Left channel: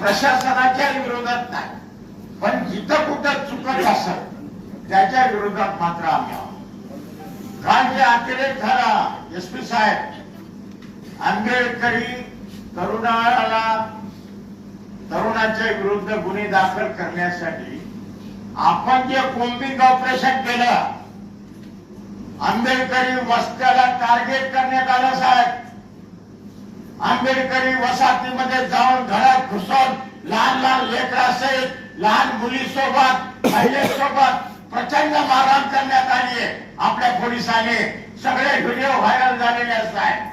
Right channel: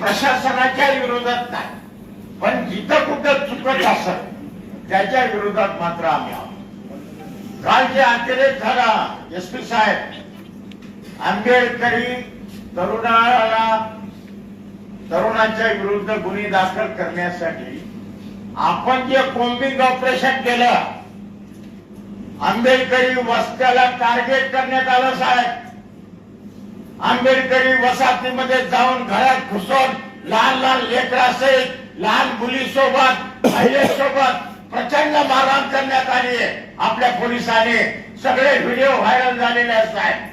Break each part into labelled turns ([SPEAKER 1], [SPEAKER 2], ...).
[SPEAKER 1] प्रशासनाच्या विरोधात नाही. पण जिथं कुठं चुकत असत त्याच्या विरोधात मात्र आम्ही आहोत. काल जे अतिरेक झाला एस पी साहेब आंबेडकरी तरुणाला तरुणाच्या विरुद्ध गुन्हे दाखल करण्यासाठी आपण जे कोम्बिंग ऑपरेशन केलं आंबेडकरी वस्त्याला टार्गेट करण्यात आलं साहेब. आंबेडकरी वसाहतीमध्ये जाऊन घरात घुसून लहान लहान लेकरासहित लहान मुलीसोबत महिलेसोबत प्रचंड मारहाण करण्यात आली आपल्या पोलिसांनी. सगळे व्हिडिओ व्हायरल झालेले असतात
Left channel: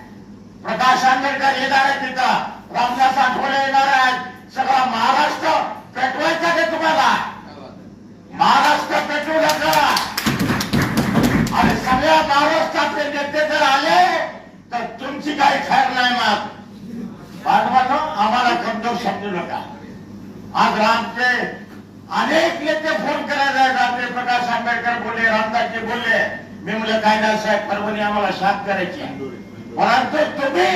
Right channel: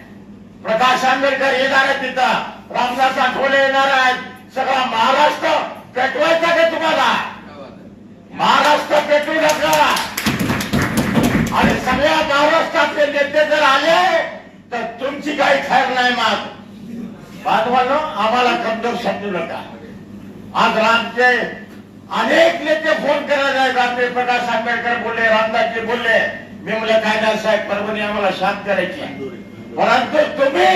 [SPEAKER 1] प्रकाश आंबेडकर येणार आहे तिथं. रामदास आठवले येणार आहेत. सगळा महाराष्ट्र पेटवायचा का तुम्हाला. महाराष्ट्र पेटवू नका. आणि सगळ्या महाराष्ट्रातले नेते जर आले तर तुमची काही खैर नाही मग बांधवानो आम्हाला कमजोर समजू नका. आज रामचे अनेक नेते फोन करायला रामदेव प्रकाश आंबेडकर बोलले रामदासजी बोलले मी म्हणलं काय नाही साहेब परभणी आम्हाला शांत करायची परंतु तुम्ही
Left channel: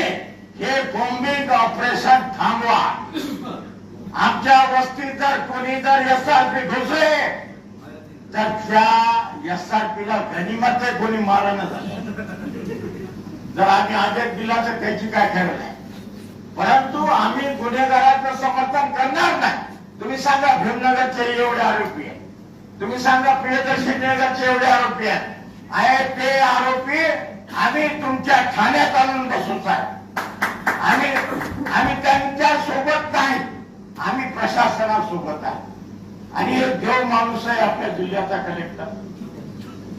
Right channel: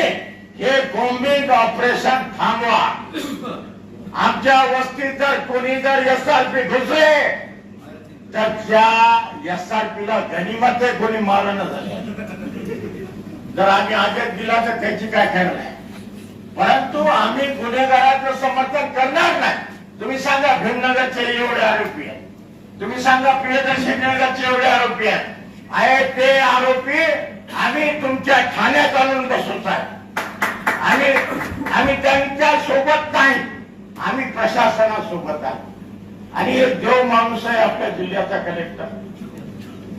[SPEAKER 1] हे बॉम्बिंग ऑपरेशन थांबवा. आमच्या वस्तीत जर कोणी जर एस आर पी घुसले तर त्या एस आर पीला गनिमत कोणी मारण झालं जर आम्ही आदेश दिला तर त्याची काय खरं नाही. परंतु आम्ही गुन्हेगाराचं समर्थन करणार नाही. तुम्ही सांगा भीमनगरचे एवढे आरोपी आहेत. तुम्ही सांगा प्रियदर्शी नगरचे एवढे आरोपी आहेत. आहे ते आरोपी आम्ही तुमच्या ठाण्यात आणून बसू साहेब. आम्ही आम्ही त्यांच्यासोबत नाही. आम्ही प्रशासनासोबत आहोत. आणि एक देव माणूस आहे आपल्या जिल्ह्याचा कलेक्टर.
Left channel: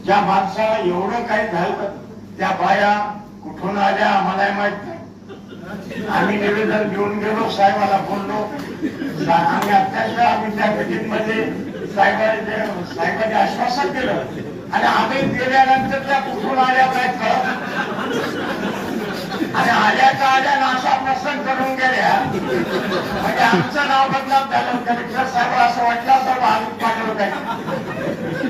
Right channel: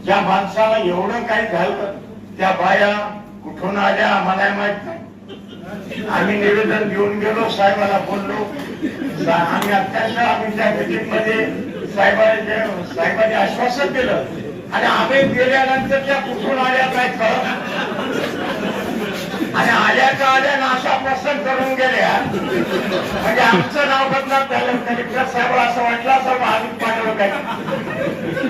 [SPEAKER 1] ज्या माणसाला एवढं काही झालं त्या बाया कुठून आल्या आम्हाला माहीत नाही. आम्ही निवेदन घेऊन गेलो साहेबाला बोललो. आम्ही अत्यंत आम्ही त्या मीटिंगमध्ये साहेबांचे साहेबांनी आश्वासन केलं आणि आम्ही गेल्यानंतर त्या कुठून आल्या काय कळत आणि आल्या का आल्या नाशा प्रसन्न करून गेल्या. म्हणजे आमचं नाव बदनाम झालं कलेक्टर साहेब असं वाटलं असं आम्ही पाठवलं काय.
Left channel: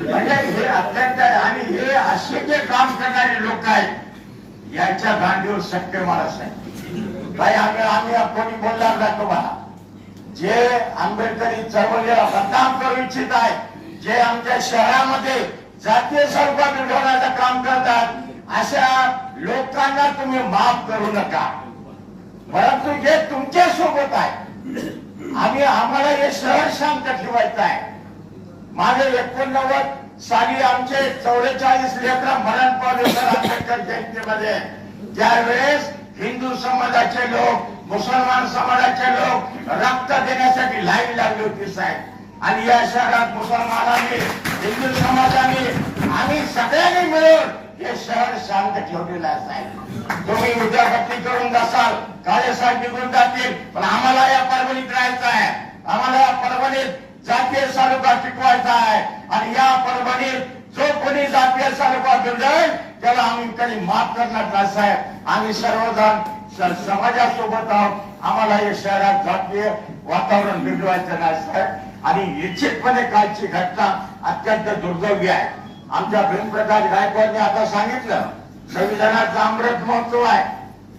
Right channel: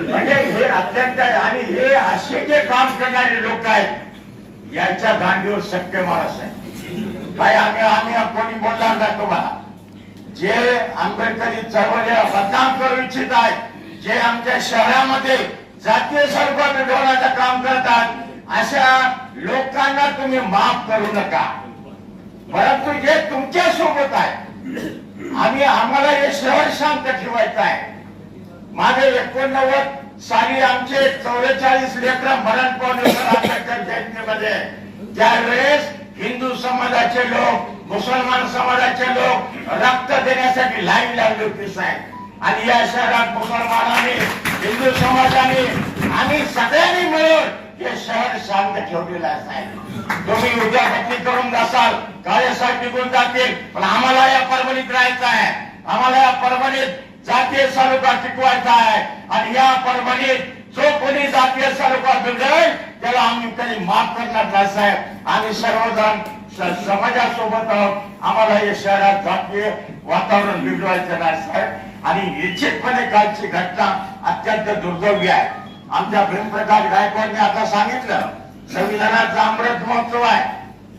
[SPEAKER 1] म्हणजे हे अत्यंत आहे आणि हे असे जे काम करणारे लोक आहेत यांच्या गांडीवर शक्य मला साहेब काय आम्ही आम्ही कोणी बोलणार नाही तुम्हाला जे आंबेडकरी चळवळीला बदनाम करू इच्छित आहेत जे आमच्या शहरामध्ये जातीय स्वरूपात ठेवण्याचं काम करतात अशा लोकांना तुम्ही माफ करू नका. परंतु जे तुमच्यासोबत आहे. आम्ही आम्हाला हे शहर शांत ठेवायचं आहे. मागे एकोणनव्वद साली आमचे चौवेचाळीस लेकर मरण पावले आंबेडकर जयंतीमध्ये. त्यावेळेस हिंदू समाजाचे लोक मुसलमान समाजाचे लोक रक्त देण्यासाठी लाईन लागली होती साहेब. आणि या शहरात मुसलमानांनी हिंदू समाजाने आणि सगळ्यांनी मिळून हे शहर शांत ठेवलेलं आहे साहेब. तुम्ही उद्या भक्ती करून जासाल कार्यसाहेब निघून जातील पण आम्हाला या परभणीत राहायचं आहे. आम्हाला या परभणीत जातीय स्वरूपात टिकवायचा आहे. आणि या परभणीत जो कोणी जातीय स्वरूपात बिघडेल त्याला आम्ही कधी माफ करणार नाही साहेब. आम्ही सर्वजण समाजासोबत आहोत. आम्हाला या शहरात जातीय वातावरण बिघडवायचं नाही साहेब. आणि निश्चितपणे कालची घटना अत्यंत दुर्दैवी आहे. आमच्या प्रेमप्रकाश गायकवाडने आता सांगितलं संविधानाचा अमृत महोत्सव आहे.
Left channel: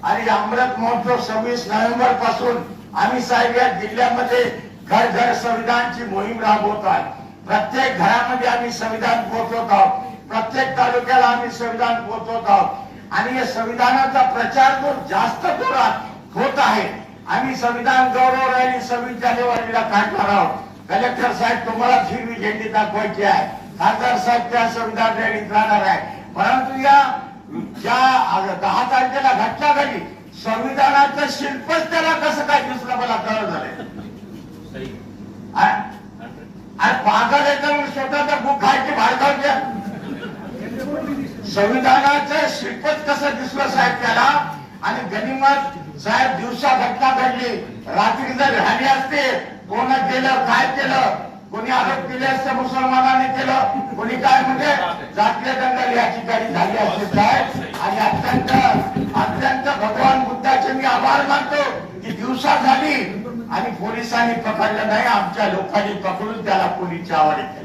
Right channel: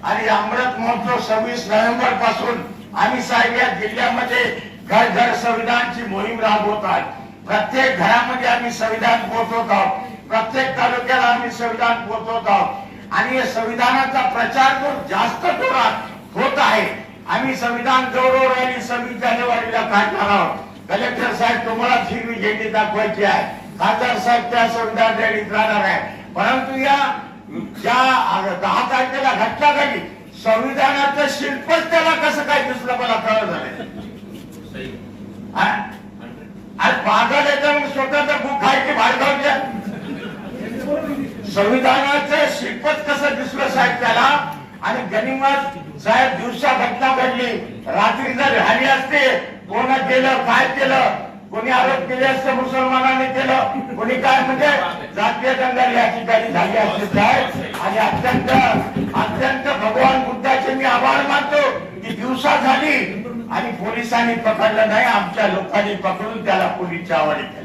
[SPEAKER 1] आणि अमृत महोत्सव सव्वीस नोव्हेंबरपासून आम्ही साहेब या जिल्ह्यामध्ये घर घर संविधानची मोहीम राबवत आहोत. प्रत्येक घरामध्ये आम्ही संविधान पोहोचवत आहोत. प्रत्येक तालुक्याला आम्ही संविधान पोहोचवत आहोत. आणि या संविधानाचा प्रचार जो जास्त जोरात होत आहे आम्ही संविधान गौरव रॅली सव्वीस जानेवारीला काढणार आहोत. कलेक्टर साहेब तुम्हाला ही झेंडी दाखवायची आहे. खासदार साहेब त्या संविधान रॅलीत राहणार आहे. परंतु या ज्या दहा तारखेला घटना घडली संविधानाचं शिल्पच त्याला कसं काय दिसलं मला कळत झालंय आणि पागल याच्यावर स्वतःचा बुक खायची घालते संविधानाचं शिल्पच कसं दिसलं साहेब त्याला? आणि गनिमत साहेब दिवसा घटना घडली. रात्री जर झाली असते कोण केलं काय केलं? कोणी आरोप केले असते मुसलमानाने केलं? कोणी काय म्हणजे जातीय दंगल या ठिकाणी झाली असते साहेब. आणि अत्यंत अत्यंत भगवान बुद्धाचे मी आभार मानतो की दिवसा झाली आणि पोलिसांनी पकडलं नाही आमच्या लोकांनी पकडून त्याला पोलीस आवडी केली